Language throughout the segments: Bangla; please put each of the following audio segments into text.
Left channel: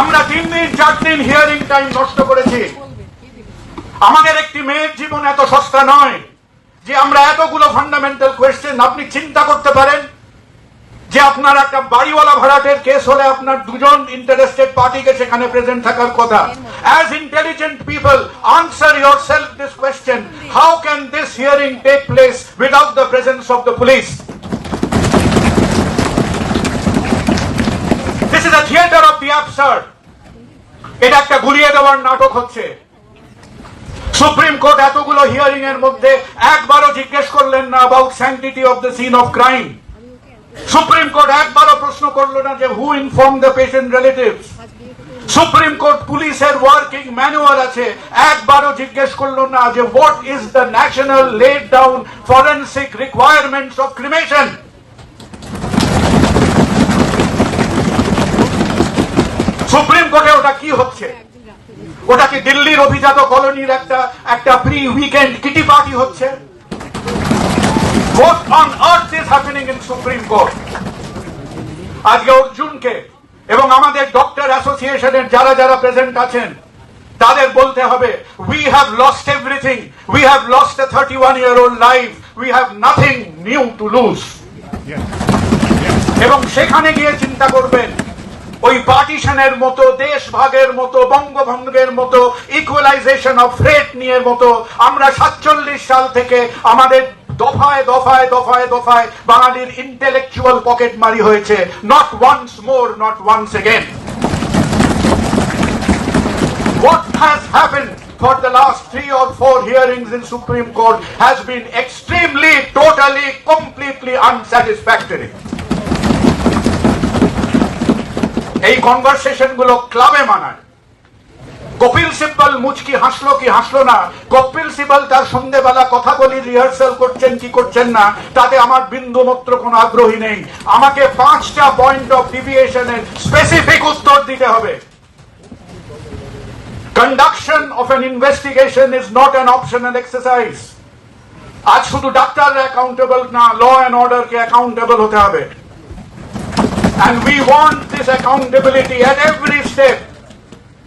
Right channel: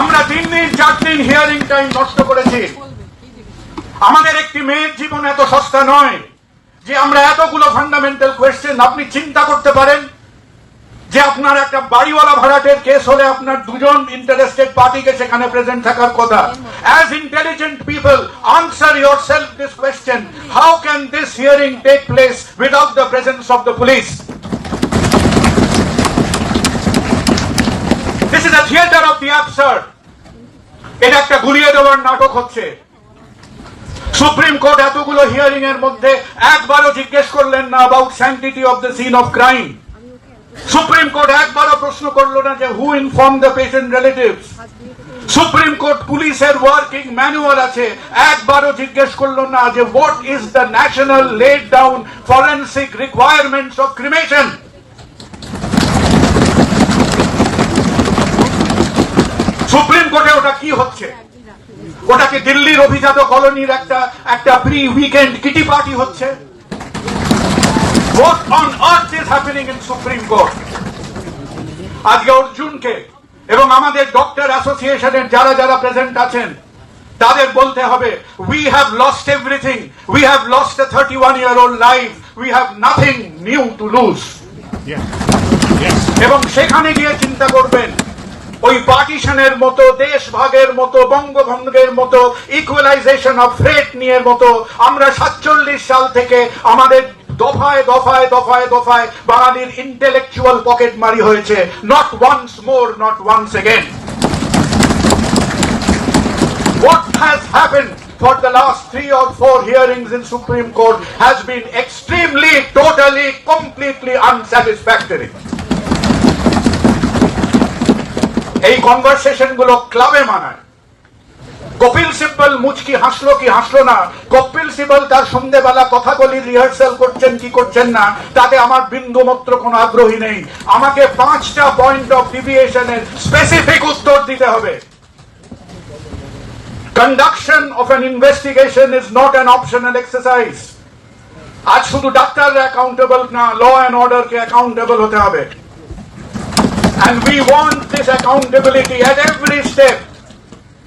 আমরা তিন দিন, চার দিন হিয়ারিং টাইম নষ্ট করেছি। আমাদের একটি মেয়ের জীবন এত সস্তা নয় যে আমরা এতগুলো ফান্ডামেন্টাল কোয়েশ্চেন আপনি চিন্তা করতে পারেন যে আপনার একটা বাড়িওয়ালা ভাড়াটের কেস হলে আপনার দুজন ইন্টারেস্টেড পার্টিকে সেখানে প্রেজেন্ট থাকার কথা। As intelligent people answer yourself this question how can this hearing take place without the presence of the police this is theatre of the absurd. এটা একটা গুলিয়ে দেওয়ার নাটক হচ্ছে। সুপ্রিম কোর্ট এতগুলো হিয়ারিং এর মধ্যে একবারও জিজ্ঞেস করলেন না about sanctity of the scene of crime supreme court একবারও প্রশ্ন করল না যে who inform the patient relatives supreme court পুলিশের ওয়ার্কিং ম্যানুয়াল আছে, একবারও জিজ্ঞেস করল না যে what is the national laid down forensic requirements of cremation supreme কোর্টে ওটা কি হচ্ছে? ওটা কি দিল্লির অভিজাত কলোনির একটা একটা প্রি উইকেন্ড কিটি পার্টি হচ্ছে? What on earth is happening in Supreme Court? আজকে অর্জুনকে এবং আমাদের ডক্টর অ্যাসোসিয়েশনের যারা যারা প্রেজেন্ট আছেন তাদের বলতে হবে we have lost everything we have lost a thirty one year old life we have nothing new to lose এবং সেখানে গিয়ে চিন্তা করবেন ওই পার্টিশনের মতো দেশ ভাগের মতো বঙ্গভঙ্গের মতো ইকুয়ালাইজেশন অফ রেট নিয়ে মতো আমরা সাতচল্লিশ সাল থেকে আমাদের দফায় দফায় দফায় দফায় বাঙালির ইন্টেলেকচুয়াল পকেট মারি হয়েছে not once more not once again What has happened for the last three or four hearings in Supreme Court has been extremely, totally, completely unsatisfactory. এই কনভারসেশনগুলো ক্লাবে মানায়। কপিল সিব্বল মুচকি হাসলো কি হাসলো না? কপিল সিব্বল তার সন্ধ্যেবেলা কথা বলি রিহার্সাল করছেন কি করছেন না, তাতে আমার বিন্দু মাত্র কোনো আগ্রহী নেই। আমাকে পাঁচটা পয়েন্ট অফ ডিভিয়েশনের স্পেসিফিক উত্তর দিতে হবে। Conduction of an investigation is not an optional exercise আজ শুধু ডাক্তাররা অ্যাকাউন্টেবল না ল অ্যান্ড অর্ডারকে অ্যাকাউন্টেবল হতে হবে। And we want this accountability at every step.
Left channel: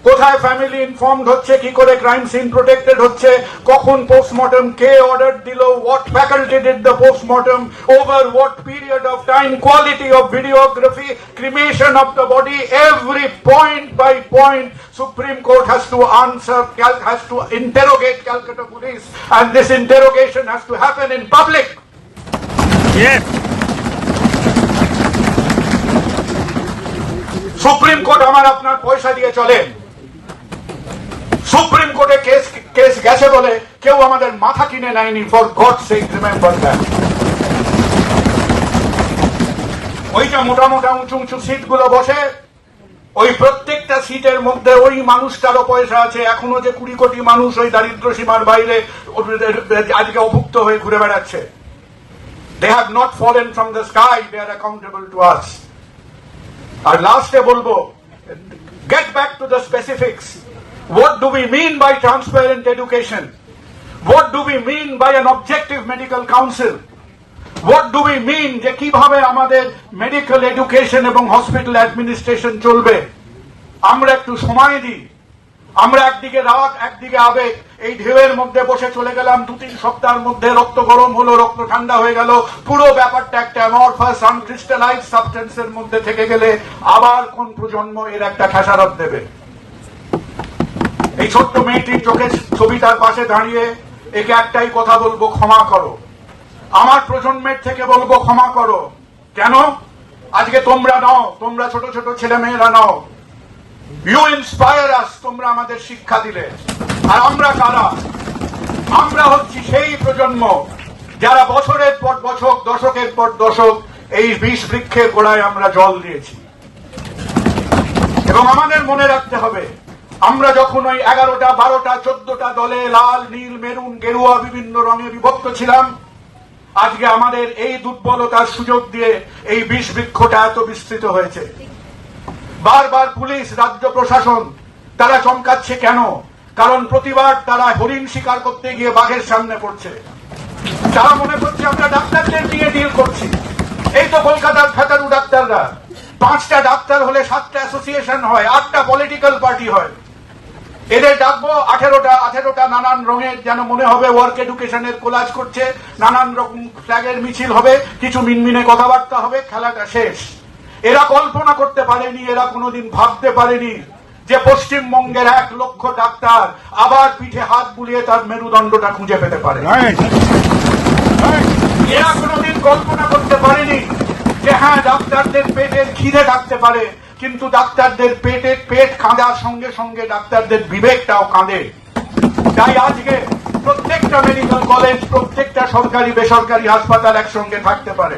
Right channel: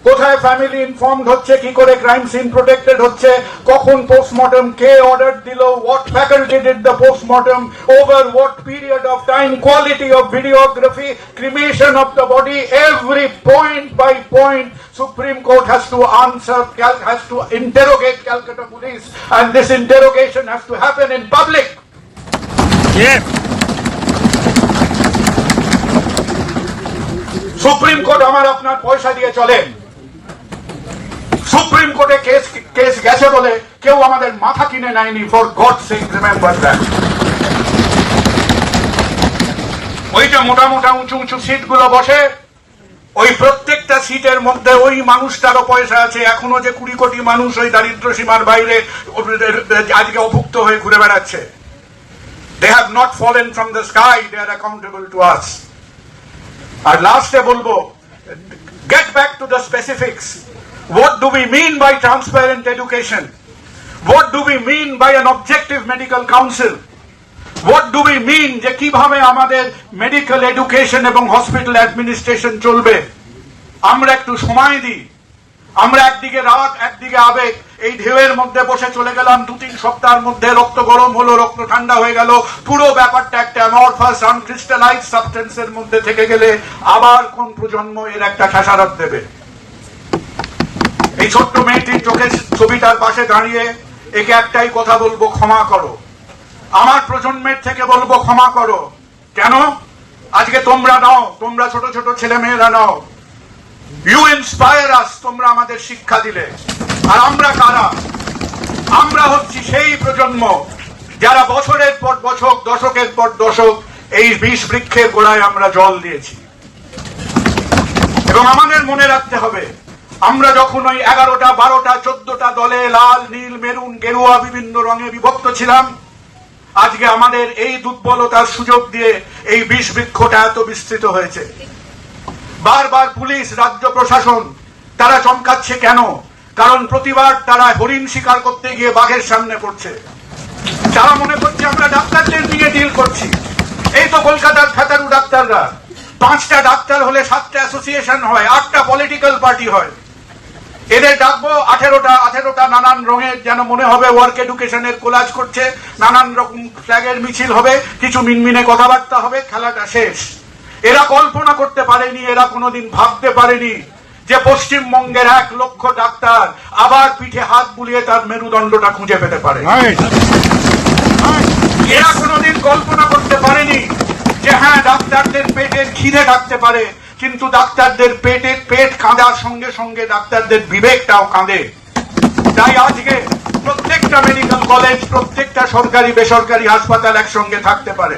কোথায় ফ্যামিলি ইনফর্মড হচ্ছে, কি করে ক্রাইম সিন প্রোটেক্টেড হচ্ছে, কখন পোস্টমর্টম কে অর্ডার দিল what faculty did the postmortem over what period of time quality of videography cremation of the body every point by point supreme court has to answer has to interrogate Calcutta police and this interrogation has to happen in public supreme court আমার আপনার পয়সা দিয়ে চলে। সুপ্রিম কোর্টে কেস কেস গেছে বলে কেউ আমাদের মাথা কিনে নেয়নি for God sake remember that ওইটা মোটা মোটা উঁচু উঁচু সিটগুলো বসে, ওই প্রত্যেকটা সিটের মধ্যে ওই মানুষটারও পয়সা আছে। এখনও যে কুড়ি কোটি মানুষ ওই দারিদ্র সীমার বাইরে আজকে অভুক্ত হয়ে ঘুরে বেড়াচ্ছে। They have not fallen from the sky they are accountable to us আর লাস্টে বলব get back to the specifics what do we mean by transparent education what do we mean by an objective medical council what do we mean যে কীভাবে আমাদের মেডিকেল এডুকেশন এবং হসপিটাল অ্যাডমিনিস্ট্রেশন চলবে? আমরা একটু সময় দিই। আমরা একদিকে রাত, একদিকে আবেগ। এই ঢেউয়ের মধ্যে বসে চলে গেলাম দু তিন সপ্তাহের মধ্যে। রক্ত গরম হলো, রক্ত ঠান্ডা হয়ে গেল। পুরো ব্যাপারটা একটা অ্যামরফাস আনক্রিস্টালাইজ সাবস্টেন্সের মধ্যে থেকে গেলে আবার কোন প্রজন্ম এর একটা খেসারত দেবে? এই ছোট্ট মেয়েটির চোখের ছবিটার পাশে দাঁড়িয়ে একে একটাই কথা বলব, ক্ষমা করো। আমার প্রজন্মের থেকে বলব, ক্ষমা করো। কেন? আজকে তোমরা নাও, তোমরা ছোট ছোট ছেলে মেয়েরা নাও। ইউ ইন্সপায়ার আস তোমরা আমাদের শিক্ষা দিলে। আর আমরা কারা? আমরা হচ্ছি সেই প্রজন্ম যারা বছরের পর বছর, দশকের পর দশক এই বিষ বৃক্ষের গোড়ায় আমরা জল দিয়েছি। এবং আমাদের মনে রাখতে হবে, আমরা যখন ওই এগারোটা, বারোটা, চোদ্দটা দলে লাল, নীল, মেরুন, গেরুয়া, বিভিন্ন রঙে বিভক্ত ছিলাম, আজকে আমাদের এই দুর্বলতার সুযোগ দিয়ে এই বিষ বৃক্ষটা এত বিস্তৃত হয়েছে। বারবার পুলিশ, রাজ্য প্রশাসন, তারা চমকাচ্ছে কেন? কারণ প্রতিবার তারা হরিণ শিকার করতে গিয়ে বাঘের সামনে পড়ছে। তারা মনে করছে, আমরা ডাক্তারদের নিয়ে ডিল করছি। এই তো কলকাতার ফেতারু ডাক্তাররা। পাঁচটা ডাক্তার হলে সাতটা অ্যাসোসিয়েশন হয়, আটটা পলিটিক্যাল পার্টি হয়। এদের ডাকবো, আঠেরোটা আঠেরোটা নানান রঙের যেন মনে হবে ওয়ার্ক এডুকেশনের কোলাজ করছে, নানান রকম ফ্ল্যাগের মিছিল হবে, কিছু মিনমিনে কথাবার্তা হবে, খেলাটা শেষ। এরা কল্পনা করতে পারেনি এরা কোনোদিন ভাবতে পারেনি যে পশ্চিমবঙ্গের এক লক্ষ ডাক্তার আবার পিঠে হাত বুলিয়ে তার মেরুদণ্ডটা খুঁজে পেতে পারে. এরা কোনোদিন কল্পনা করতে পারেনি যে হ্যাঁ ডাক্তারদের পেটের খিদে ডাকতে পারে কিন্তু ডাক্তারদের পেটে পেট কাঁদার সঙ্গে সঙ্গে ডাক্তারদের বিবেকটাও কাঁদে। তাই আজকে প্রত্যেকটা মেডিকেল কলেজ প্রত্যেকটা সরকারি বেসরকারি হাসপাতাল একসঙ্গে থাকতে পারে।